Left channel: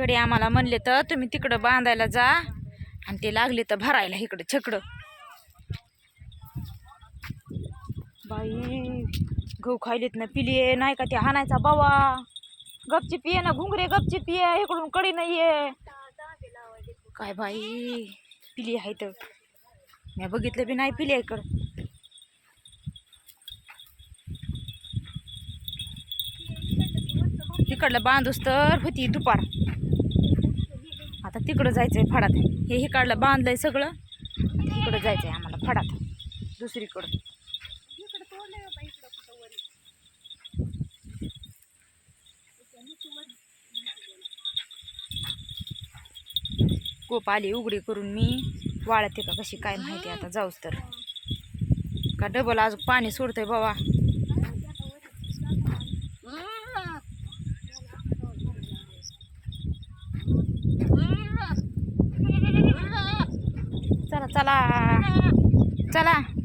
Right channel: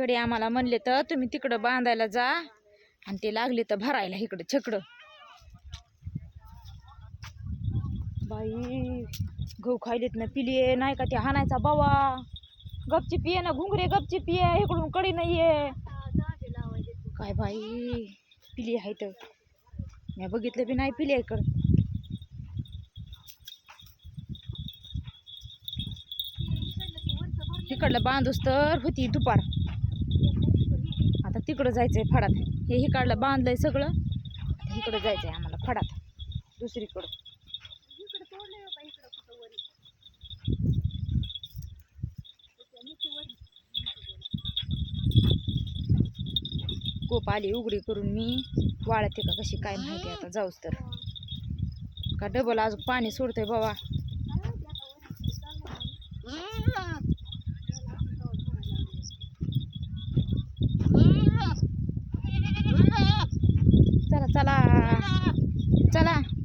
गडी आम्हाला म्हणले तर तुम्ही तिकडं बांधायला जा आणि ते लागले तर भरायला इकडं छकडं. बाई गहू खायलेत ना पिले नाही का ते हाणायचा बावा. गपची पिये ना घुंगरे गपची पिये इकडून कडी नाहीये काय बाई. पिली आहे तर मी बघितलं बी नाही पिली इकडं. तिकडलं बांधूस तर होती दुपार. आता तिकडं जायचंय फडात. हे इकडलं बांधलंय सगळं. आता इकडं जायचंय आम्हाला फडात दुसरीकडं. कोप आली उघडी करून मी वाळते का कशी काय माहिती. आता जाऊच तर का डबल अजून पाणी सोडतंय बाबा. चला चला चला.